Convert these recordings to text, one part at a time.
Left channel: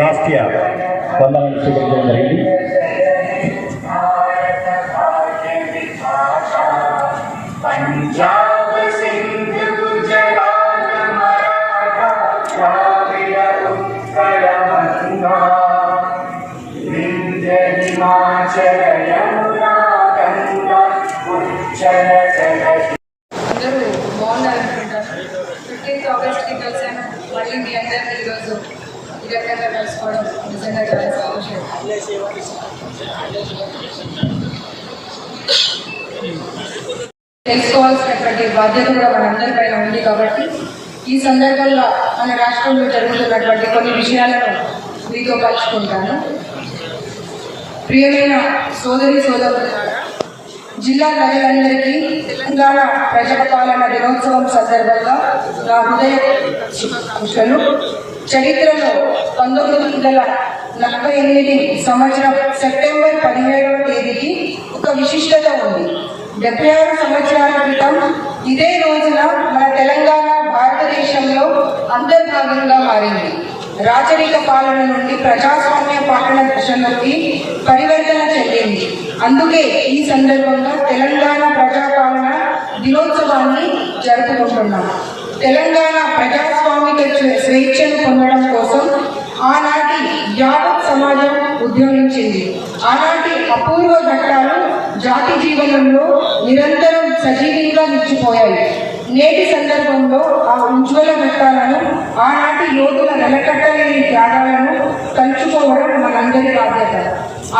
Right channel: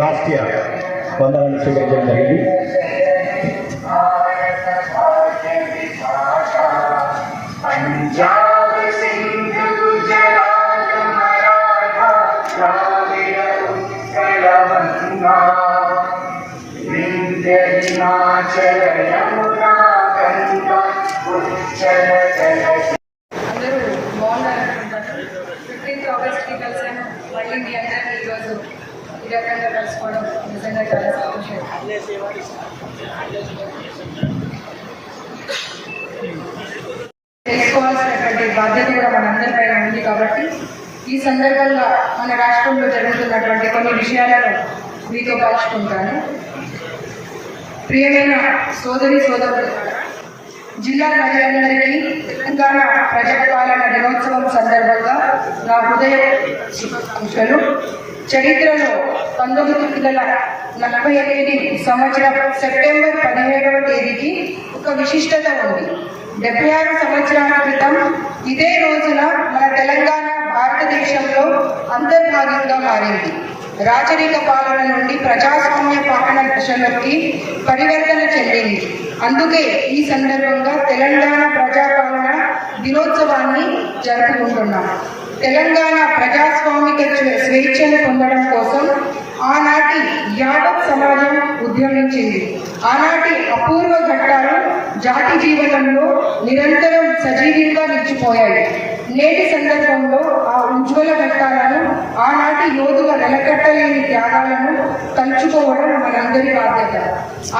రాష్ట్రీయ వందనాలు స్వీకరించడం జరిగింది. అందరూ బాగున్నారు అనుకుంటాను. 15th ఆగస్ట్కి కలిసాను. మళ్ళీ మీ అందరినీ ఈరోజు ఈ రకంగా కలుసుకోవడం నిజంగా చాలా సంతోషం. తెలుసుకోవాల్సినటువంటి బాధ్యత కూడా మనందరిపైన ఉంది కాబట్టి ఈ సందర్భంలో మన రాష్ట్రంలో జరుగుతున్నటువంటి కొన్ని విషయాలను మీతో పంచుకుంటాను. ప్రియమైన సోదరి సోదరులారా, జిల్లా ప్రజలందరికీ తెలంగాణ ప్రజాపాలన దినోత్సవం సందర్భంగా నా హృదయ శుభాకాంక్షలు. చరిత్రలో 1948 సంవత్సరం సెప్టెంబర్ 17వ తేదీకి ఒక విశిష్టత ఉంది. 76 సంవత్సరాల క్రితం ఇదే రోజున మన తెలంగాణ భారతదేశంలో అంతర్భాగంగా మారింది. రాచరిక పాలన నుండి ప్రజాస్వామ్య పాలన దశలోకి పరివర్తన చెందింది. అందుకే ఈ సందర్భంగా తెలంగాణ ప్రజాపాలన దినోత్సవాన్ని జరుపుకుంటున్నాం. తెలంగాణ ప్రజాస్వామిక స్వేచ్ఛను పొందడం కోసం ఆనాటి యావత్ సమాజం ఉద్యమించింది. ఆనాటి అపూర్వ ఘట్టాలు జాతి జీవనంలో నిరంతరం సజీవంగా నిలిచిపోయాయి. నేటి సందర్భంలో ఆ ఉజ్వల ఘట్టాలను, ఆనాటి యోధుల వెలకట్టలేని త్యాగాలను తలుచుకోవడం మనందరి బాధ్యత.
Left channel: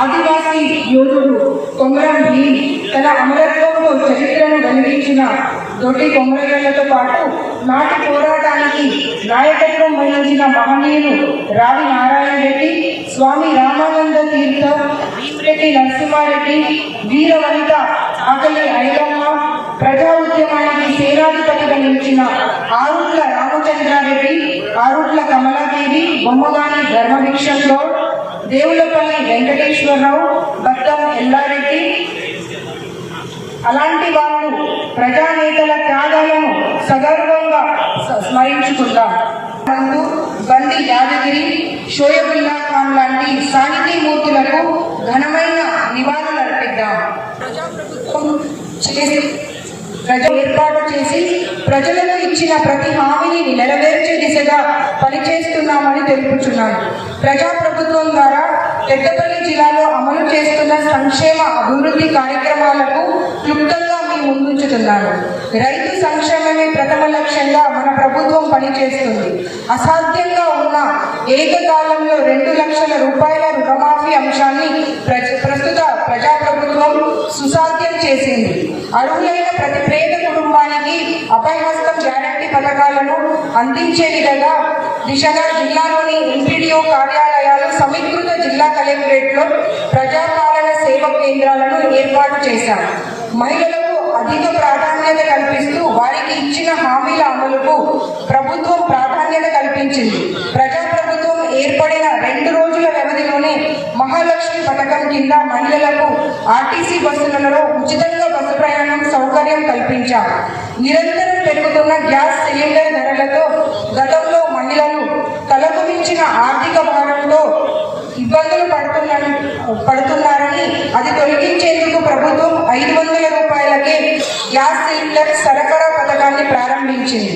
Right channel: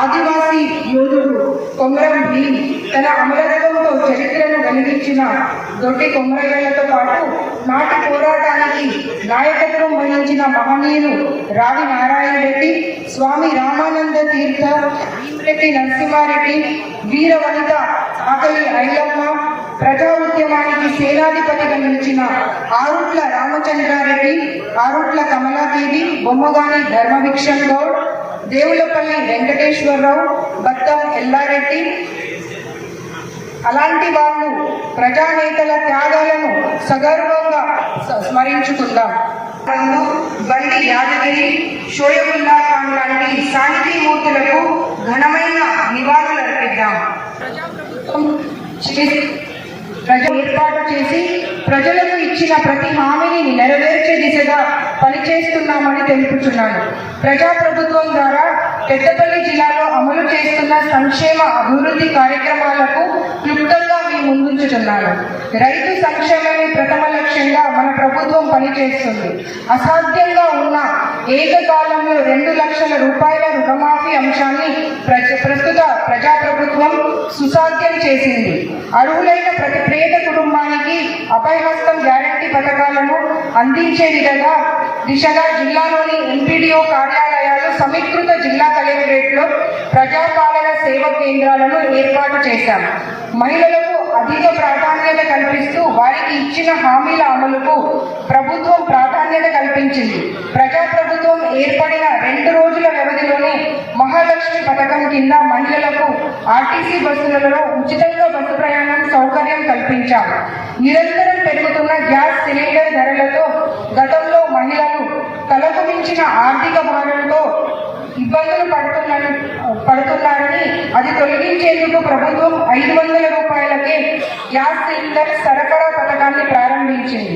ఆదివాసీ యోధుడు కొమరం భీం తన అమరత్వంతో చరిత్రను వెలిగించిన దొడ్డి కొమరయ్యలతో పాటు నాటి పోరాటానికి నాయకత్వం వహించిన మహనీయులు రావి నారాయణ రెడ్డి, స్వామి రామానంద తీర్థ, భీమరెడ్డి నరసింహారెడ్డి, వీరవనిత ఆకలి ఐలమ్మ, ప్రజా ఉద్యమానికి సేనాధిపతిగా నిలిచిన ఆరుట్ల రామచంద్రారెడ్డి, ఆరుట్ల కమలాదేవి, బొమ్మగాని ధర్మభిక్షం గౌడ్, దేవులపల్లి వెంకటేశ్వరరావు, భక్తం ఎల్లారెడ్డి, అలాంటి వాళ్ళు ప్రజానేతల త్యాగాలను సగర్వంగా స్మరించుకుందాం. బండి యాదగిరి, షోయబుల్లా ఖాన్ లాంటి సాహితీమూర్తులకు ఘనమైన నివాళులర్పిద్దాం. ప్రజాప్రభుత్వం ఏర్పాటు చేసి ప్రజలకు ఇచ్చిన ప్రతి హామీని నెరవేర్చే దిశగా పనిచేస్తున్నామని తెలుపుతున్నాను. ప్రజాప్రభుత్వం ద్వారా పెద్దపల్లి జిల్లాలో అమలు చేస్తున్న సంక్షేమ అభివృద్ధి కార్యక్రమాలకు క్లుప్తంగా మీ ముందుంచుతున్నాను. రైతు సంక్షేమమే ప్రథమ లక్ష్యంగా మన ప్రభుత్వం పనిచేస్తుంది. అసాధ్యంగా ఉన్న ఏకకాలంలో 2 లక్షల రూపాయల రుణమాఫీ అంశాన్ని ప్రస్తుత ప్రజాప్రభుత్వం సుసాధ్యం చేసింది. అర్హులైన ప్రతి పేద కుటుంబానికి అభయహస్తం గ్యారంటీ పథకాలను అందించే దిశగా జిల్లాలోని ఎంపీడీఓ కార్యాలయాలు, సమీకృత జిల్లా కలెక్టరేట్లో ప్రజాపాలన సేవా కేంద్రాలను ఏర్పాటు చేశారు. మహిళలకు అధిక ప్రాధాన్యత కల్పిస్తూ వారికి ఇచ్చిన హామీల అమలుకు ప్రభుత్వం ప్రాధాన్యత కల్పించింది. ప్రజాప్రభుత్వం ఏర్పడిన 2 రోజుల వ్యవధిలోనే మహాలక్ష్మి పథకం కింద మహిళలకు ఆర్టీసీ బస్సులలో ఉచితంగా బస్సు ప్రయాణం సౌకర్యం కల్పించారు. నిరంతరం పెరుగుతున్న గ్యాస్ సిలిండర్ ధరలతో గతంలో మహిళలు తలకు మించిన ఆర్థిక భావంతో ఇబ్బందులు పడుతున్నారని అది తొలగించేందుకు ప్రభుత్వం 500 రూపాయలకే గ్యాస్ సిలిండర్ సరఫరా పథకాన్ని ప్రారంభించింది.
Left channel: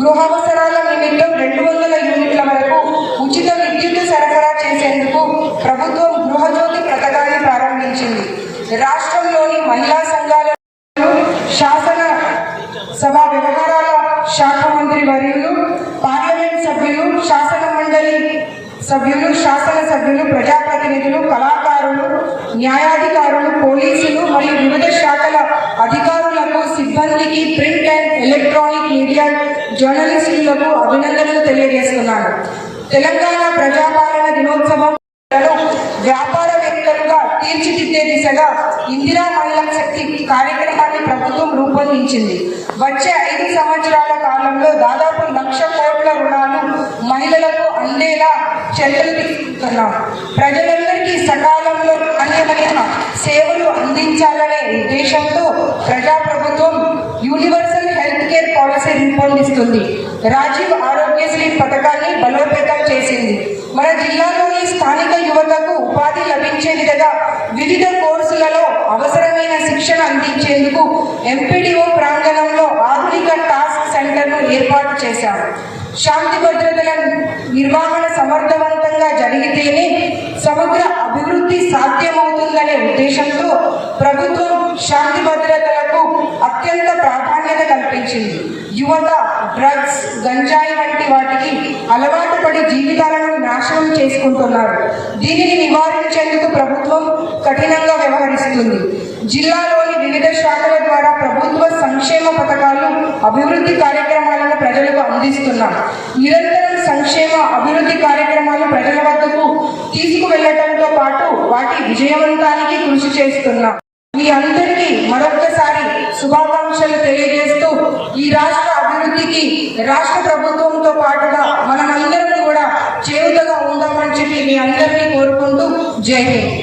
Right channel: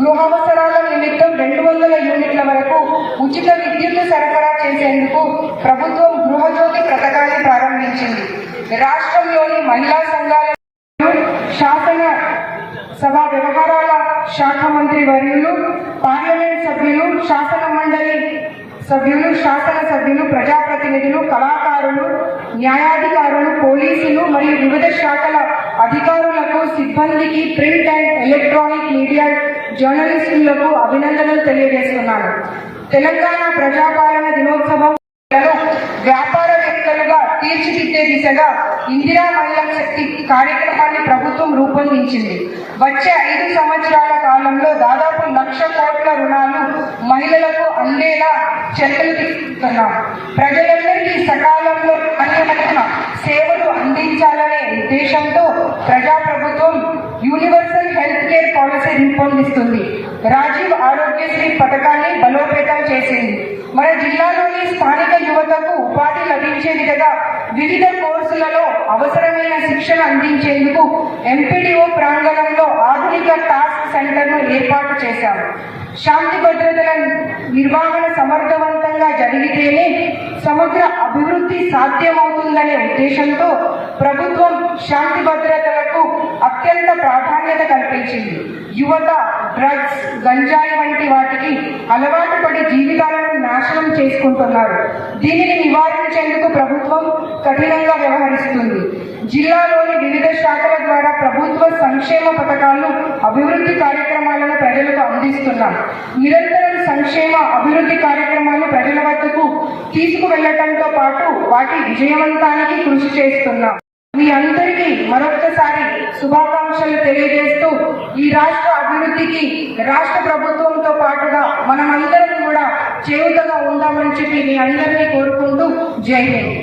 గృహావసరాల నిమిత్తం 200 యూనిట్ల వరకు ఉచిత విద్యుత్ సరఫరా చేసేందుకు ప్రభుత్వం గృహజ్యోతి పథకాన్ని ప్రారంభించింది. రాష్ట్రంలోని మహిళా సంఘాల శాసన సభ వ్యవహారాల శాఖ మంత్రి వర్యులు, పార్లమెంట్ సభ్యులు, శాసన మండలి సభ్యులు, శాసనసభ్యులు, ప్రజాప్రతినిధులు, కళాకారులు, న్యాయాధికారులు, పోలీసులు మరియు వివిధ శాఖల అధికారులకు, సిబ్బందికి, ప్రింట్ అండ్ ఎలక్ట్రానిక్ మీడియా జర్నలిస్టులకు అభినందనలు తెలియజేస్తున్నారు. తెలంగాణ ప్రజాపాలన దినోత్సవం వ్యాపారవేత్తలుగా తీర్చిదిద్దే దిశగా ఇందిరా మహిళా శక్తి కార్యక్రమాన్ని ప్రభుత్వం రూపొందించింది. వచ్చే 5 సంవత్సరాల కాలంలో దాదాపు 1,00,000 కోట్ల రుణాలు మహిళలకు అందేలా చర్యలు తీసుకుంటున్నాం. ప్రజలందరికీ సకాలంలో నాణ్యమైన సేవలు అందించాలి. ప్రజాప్రభుత్వం యూనివర్సల్ హెల్త్ కేర్ పాలసీ రూపొందిస్తుంది. రాజీవ్ ఆరోగ్యశ్రీ పథకాన్ని బలోపేతం చేసింది. మన జిల్లాలోని స్థానిక యువతకు ఉపాధి లభించే విధంగా వివిధ కోర్సులలో అవసరమైన శిక్షణ అందించేందుకు ఎంపీడీఓ ప్రాంగణంలో ఆధునిక టాస్క్ సెంటర్ను ఏర్పాటు చేశారు. శాంతి భద్రతల నిర్వహణ సమర్థవంతంగా జరిగితేనే సమగ్ర అభివృద్ధి సాధ్యమవుతుందనే ఉద్దేశంతో ప్రభుత్వం శాంతి భద్రతలకు అత్యంత ప్రాధాన్యత కల్పించింది. యువత డ్రగ్స్, గంజాయి వంటి వాటికి అలవాటు పడి జీవితాలను నాశనం చేసుకుంటున్నారు. దీనిని నివారించేందుకు ప్రభుత్వం కఠినంగా వ్యవహరిస్తుంది. జిల్లాలోని వివిధ శాఖల ద్వారా ప్రభుత్వ సంక్షేమ పథకాలను, అభివృద్ధి కార్యక్రమాలను ప్రజలకు అందిస్తున్నాం. నిరంతరం సంక్షేమ అభివృద్ధి కార్యక్రమాలను ప్రజల వద్దకు తీసుకువెళ్లడంతో పాటు వాటి విజయవంతానికి కృషి చేస్తున్నాం. మీ అందరికీ మరొకసారి శుభాకాంక్షలు తెలియజేస్తూ ఈ రాష్ట్ర అభివృద్ధికి రాష్ట్ర ప్రభుత్వంతో పాటుగా మనమందరం కూడా చేయూతగా ఉందామని చెప్పి మీ అందరినీ కోరుకుంటూ జై హింద్.